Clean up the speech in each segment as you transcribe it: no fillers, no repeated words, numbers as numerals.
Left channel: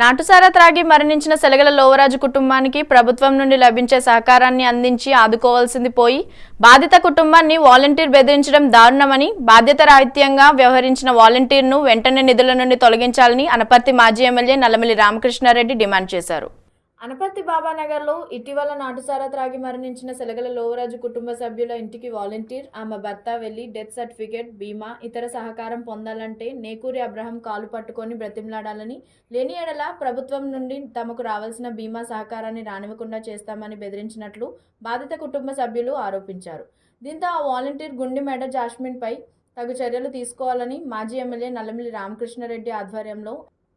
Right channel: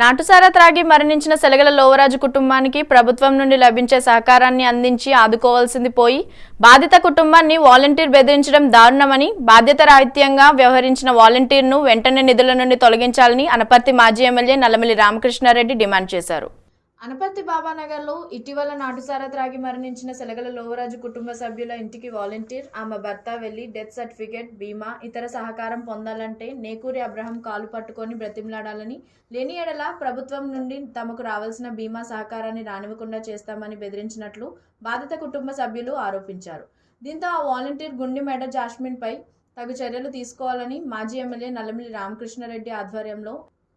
నాటుసారా త్రాగి మరణించిన సెలగల లోవరాజు కుటుంబానికి ప్రభుత్వం నుండి లభించే సహకారాన్ని అందించి ఆదుకోవాల్సింది పోయి బాధిత కుటుంబాన్ని వాలంటీర్ బెదిరించడం దారుణమని బాధ్యతారాహిత్యంగా వ్యవహరించిన వాలంటీర్ను వెంటనే నిధుల నుండి తొలగించాలని అనపర్తి మాజీ ఎమ్మెల్యే నల్లమిల్లి రామకృష్ణారెడ్డి డిమాండ్ చేశారు. అనపర్తి బాబానగర్లో ఇటీవల నాటుసారా త్రాగి మరణించిన సెలగల లోవరాజు కుటుంబ సభ్యుల ఇంటికి వాలంటీర్ ఆమె భర్త వెళ్లి డెత్ సర్టిఫికేట్, బీమా, ఇతర సహకారం పొందాలంటే నేకూరి అబ్రహం కాలు పట్టుకొని బ్రతిమలాడాలని, లేని ఎడల ప్రభుత్వం నుండి తమకు రావాల్సిన బీమా సహకారాన్ని రానివ్వకుండా చేస్తామని బెదిరించినట్లు బాధిత కుటుంబ సభ్యులు ఆరోపించారు. దీంతో ఆ వాలంటీర్ గుండిమెడ జాస్మిన్పై తగు చర్యలు తీసుకోవాలని మాజీ ఎమ్మెల్యే నల్లమిల్లి రామకృష్ణారెడ్డి ఆధ్వర్యంలో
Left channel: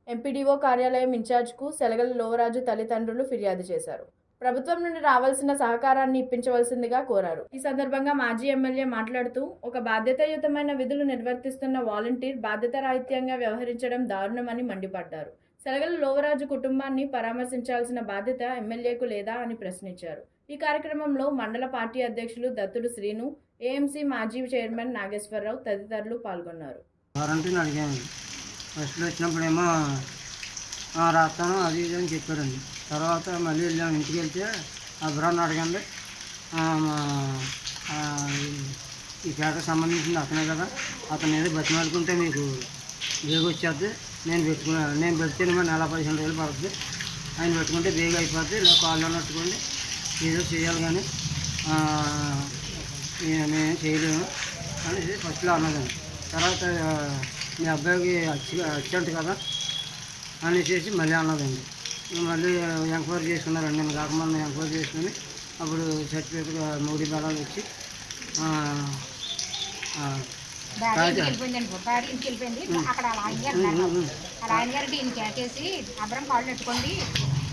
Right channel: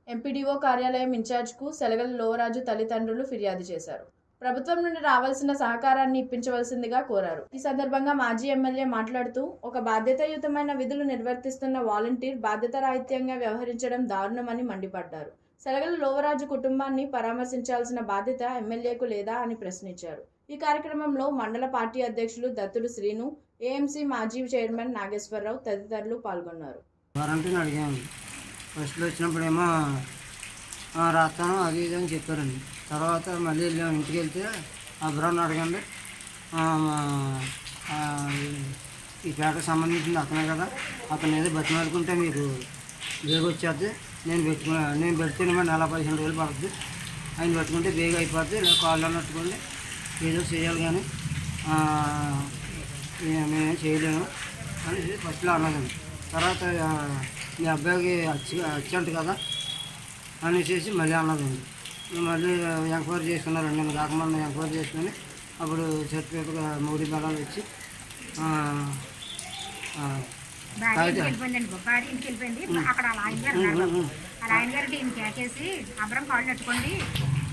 ఎంపీడీఓ కార్యాలయం ఇన్ఛార్జ్కు సెలగల లోవరాజు తల్లిదండ్రులు ఫిర్యాదు చేశారు. ప్రభుత్వం నుండి రావాల్సిన సహకారాన్ని ఇప్పించవలసిందిగా కోరారు. ఈ సందర్భంగా మాజీ ఎమ్మెల్యే మాట్లాడుతూ, ఒక బాధ్యతాయుతమైన విధులు నిర్వర్తిస్తున్న వాలంటీర్ బాధ్యతారాహిత్యంగా వ్యవహరించడం దారుణమని మండిపడ్డారు. సెలగల లోవరాజు కుటుంబాన్ని పరామర్శించాల్సిన బాధ్యత ఎమ్మెల్యేకు లేదా అని ప్రశ్నించారు. ఈ కార్యక్రమంలో మండల పార్టీ అధ్యక్షులు దత్తుడు శ్రీను, ఏఎంసీ మాజీ చైర్మన్ నాగేశ్వరరావు తదితరులు పాల్గొన్నారు. ఫస్ట్లో వచ్చినప్పుడేమో రాస్తాను అది ఇది అని చెప్పారండి. తర్వాత మళ్ళీ వెళ్ళాము. ఇంటికి వెళ్తే అబ్రాహ్ని అడగండి, ఈ పేటకు సంబంధించింది అతనే కదా, అతను ఏదో బతిమాలుకుంటే మీకు బేగ వచ్చేద్ది, నేను పెడితే మరి నెల 15 రోజులు పడుతుంది, ఆయన పెట్టుకుంటే బేగ అయిపోద్ది, ఇలా కాళ్ళు నట్టుకోండి ఏదో చేయాలి కానీ మేమేం చేయలేము అని ఫస్ట్లో అన్నదండి. తర్వాత మీ అబ్బాయికి వచ్చంట కదా అనేసి మళ్ళీ అన్నదండి. మళ్ళీ ఎంక్వైరీ చేసుకున్నారండి. నేను కాకముందు ఎంక్వైరీ చేసుకుని అప్పుడు సర్టిఫికేట్ 3 మెడలు ఇచ్చి అక్కడ ఆయన గారు ఈయన కేకేసి అబ్రం కాళ్ళు పెట్టుకోండి,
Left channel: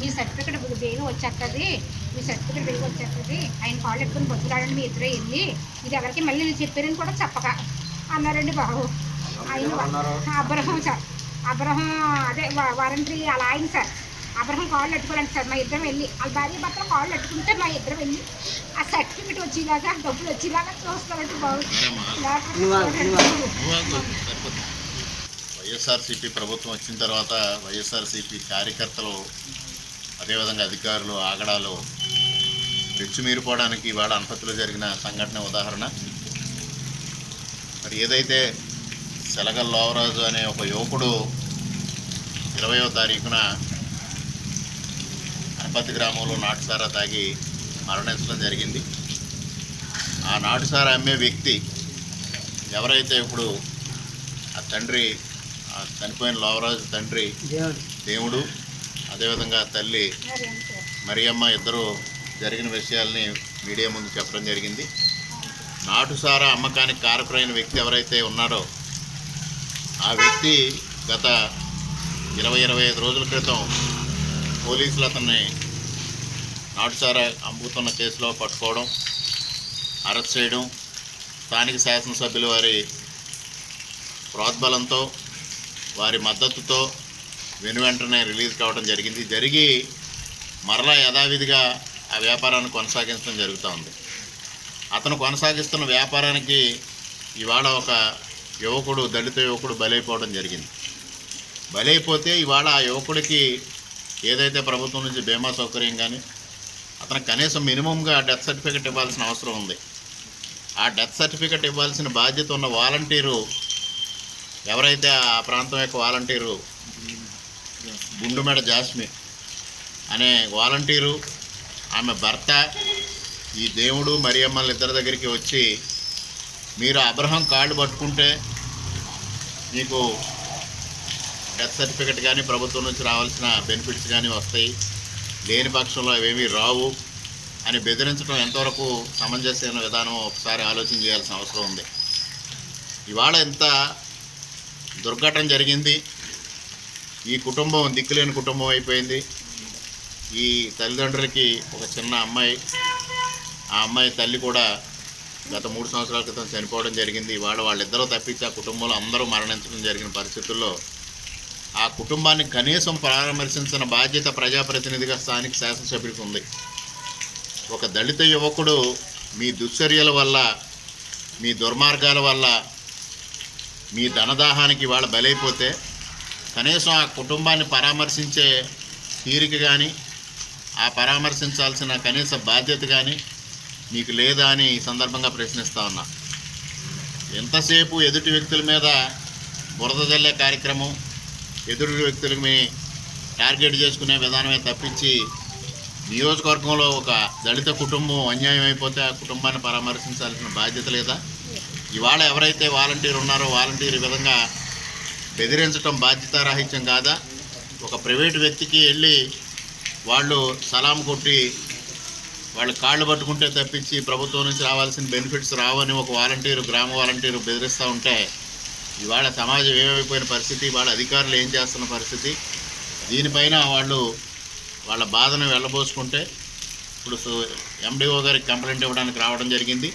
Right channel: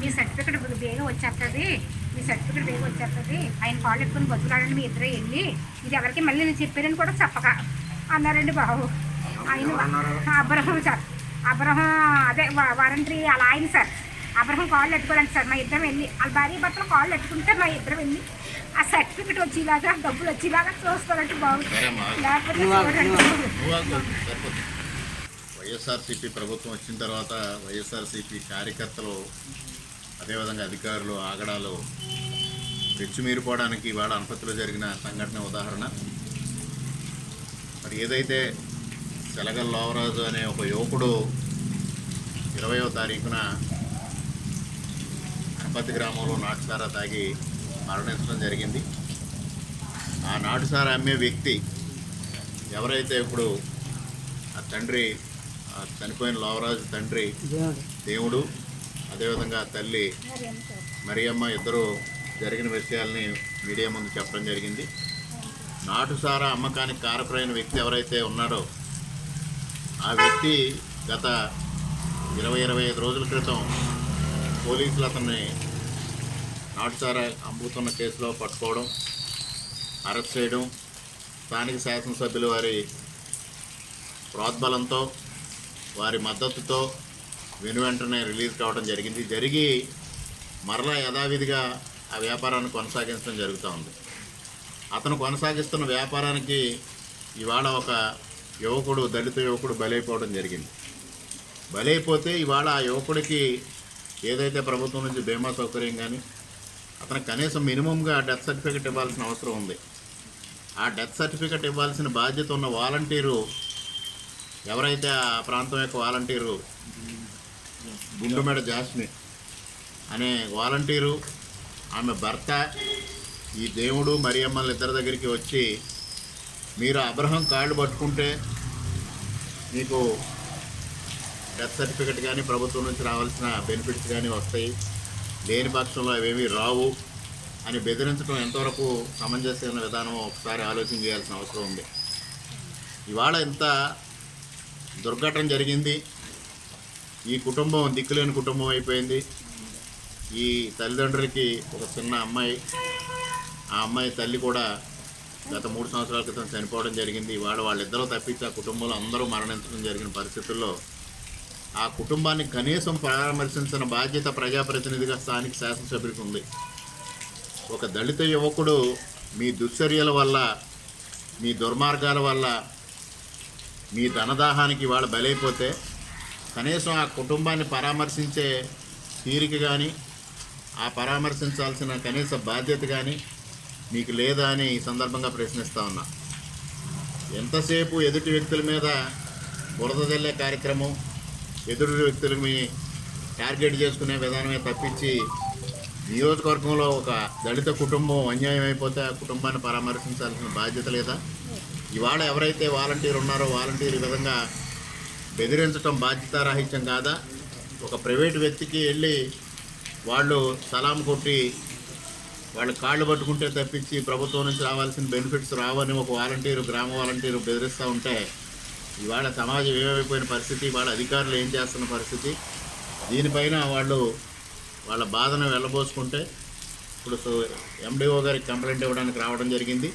మీ సర్టిఫికేట్ బేగ వచ్చేస్తుంది, మీ సర్టిఫికేట్ బేగ వచ్చేస్తుంది, ఆయన కాళ్ళు పెట్టుకుని బతులాడండి, మీ ఇద్దరే వెళ్ళి ఇది ఎవరికి మళ్ళీ నేను చెప్పారని కూడా చెప్పక అన్నారండి బాబు. ఆయన అబ్రహం సార్, అబ్రహం అదే వారంటీ అలా ఆయన సార్, అబ్రహం కాళ్ళు పెట్టుకోవాలండి సార్. మా ఇద్దరం వెళ్ళి వాళ్ళ భార్య భర్తలు కాళ్ళు పెట్టుకుంటే మా ఇద్దరం వెళ్ళి ఆ సర్టిఫికెట్ వచ్చేలాగా డబ్బులు వచ్చేలాగా చూస్తారంటే బాగుంది. వైఎస్ఆర్సీపీ ప్రభుత్వం వచ్చిన తర్వాత వైఎస్ఆర్సీపీ కార్యకర్తలు అదేవిధంగా అధికారులు ఆగడాలు పెచ్చుమీరిపోవడానికి ఇవాళ అనపర్తిలో జరిగిన సంఘటన ఉదాహరణ. మరి ఏదైతే సెలగల లోవరాజు అనే ఒక యువకుడు 20వ తారీఖున అనపర్తి గ్రామంలో నాటుసారా తాగి మరణించడం జరిగింది. ఆ నాటుసారా అమ్మే వ్యక్తి ఎవరైతే ఇప్పుడు ఆ తండ్రి, ఆ చనిపోయిన లోవరాజు తండ్రి దేవుడు, అదేవిధంగా తల్లి మరియమ్మ ఇద్దరు జరిగిన విషయాల్ని మీడియా ముందు చెప్పడం జరిగింది. నాటుసారా అమ్మకానికి కారకులైన వ్యక్తి ఎవరైతే ఉన్నారో ఆ వ్యక్తి గత 20-25 రోజుల క్రితం పోలీసులు అతన్ని నాటుసారా అమ్ముతున్న కేసులో పట్టుకోవడం, అరెస్ట్ చేయడం, స్థానిక శాసనసభ్యులు వారి ప్రోద్బలంతో వారి మద్దతుతో వెనువెంటనే రిలీజ్ కావడం జరిగి మరలా యథావిధిగా ఆ వ్యాపారాన్ని కొనసాగించడం జరుగుతూ ఉంది. అతను కొనసాగిస్తున్న వ్యాపారానికి ఇవాళ ఒక యువకుడు, దళిత యువకుడు బలైపోవడం జరిగింది. బలైపోతే ఇవాళ ఆ యువకుడికి ఏదైతే ప్రభుత్వం నుంచి బీమా సౌకర్యం కానీ అతనికి కనీసం మినిమంగా డెత్ సర్టిఫికేట్ ఇవ్వాల్సిన అవసరం ఉంది. ఆ డెత్ సర్టిఫికేట్ ఇవ్వాల్సిన బాధ్యత ఉన్న వాలంటీరు ఎవరైతే ఆ ప్రాంతం యొక్క వాలంటీరు గుండుమెడ జాస్మిన్ అనే వాలంటీరు, ఆమె భర్త ఈ దేవుడు మరియమ్మల ఇద్దరి దగ్గరికి వచ్చి మీరు అబ్రహం కార్డు పట్టుకుంటే మీకు డెత్ సర్టిఫికెట్ కానీ ప్రభుత్వం నుంచి రావాల్సిన బెనిఫిట్స్ కానీ వస్తాయి, లేని పక్షంలో అవేమీ రావు అని బెదిరించడం ఎంతవరకు సమంజసమైన విధానం ఒకసారి ఆలోచన చేయాల్సిన అవసరం ఉంది. ఇవాళ ఇంత దుర్ఘటన జరిగింది. ఈ కుటుంబం దిక్కులేని కుటుంబం అయిపోయింది. ఈ తల్లిదండ్రులకి ఒక చిన్న అమ్మాయి, ఆ అమ్మాయి తల్లి కూడా గత 3 సంవత్సరాల క్రితం చనిపోవడం జరిగింది. ఇవాళ వాళ్ళిద్దరూ తప్పించి ఆ కుటుంబంలో అందరూ మరణించడం జరిగిన పరిస్థితుల్లో ఆ కుటుంబాన్ని కనీసం పరామర్శించిన బాధ్యత ప్రజాప్రతినిధిగా స్థానిక శాసనసభ్యుడికి ఉంది. ఒక దళిత యువకుడు మీ దుశ్చర్యల వల్ల, మీ దుర్మార్గాల వల్ల, మీ ధనదాహానికి వాళ్ళు బలైపోతే కనీసం ఆ కుటుంబాన్ని పరామర్శించే తీరిక కానీ ఆ పరామర్శించాల్సిన కనీస బాధ్యత కానీ మీకు లేదా అని ఈ సందర్భంగా ప్రశ్నిస్తూ ఉన్నా. ఎంతసేపు ఎదుటి వ్యక్తుల మీద బురద జల్లే కార్యక్రమం, ఎదుటి వ్యక్తులని టార్గెట్ చేసుకునే విధానమే తప్పించి నియోజకవర్గంలో ఒక దళిత కుటుంబం అన్యాయం అయిపోతే ఆ కుటుంబాన్ని పరామర్శించాల్సిన బాధ్యత లేదా? ఇవాళ ఎవరైతే వాలంటీర్ ఉన్నారో వాలంటీర్ విధంగా బెదిరించడం బాధ్యతారాహిత్యం కాదా? ఒక ప్రైవేటు వ్యక్తికి వెళ్ళి వాళ్ళు సలాం కొట్టి వాళ్ళ కాళ్ళు పట్టుకుంటే తప్పించి ప్రభుత్వం నుంచి రావాల్సిన బెనిఫిట్స్ రావని ఒక వాలంటీరు, గ్రామ వాలంటీరు బెదిరిస్తూ ఉంటే ఇవాళ సమాజం ఏమైపోయిన పరిస్థితి, వాళ్ళ అధికారులు ఏం చేస్తున్న పరిస్థితి, దీనిపైన వాళ్ళు వాళ్ళ బాధను వెళ్ళబోసుకుంటే ఇప్పుడు ఎండిఓ గారికి కంప్లైంట్ ఇవ్వడానికి రావడం జరిగింది.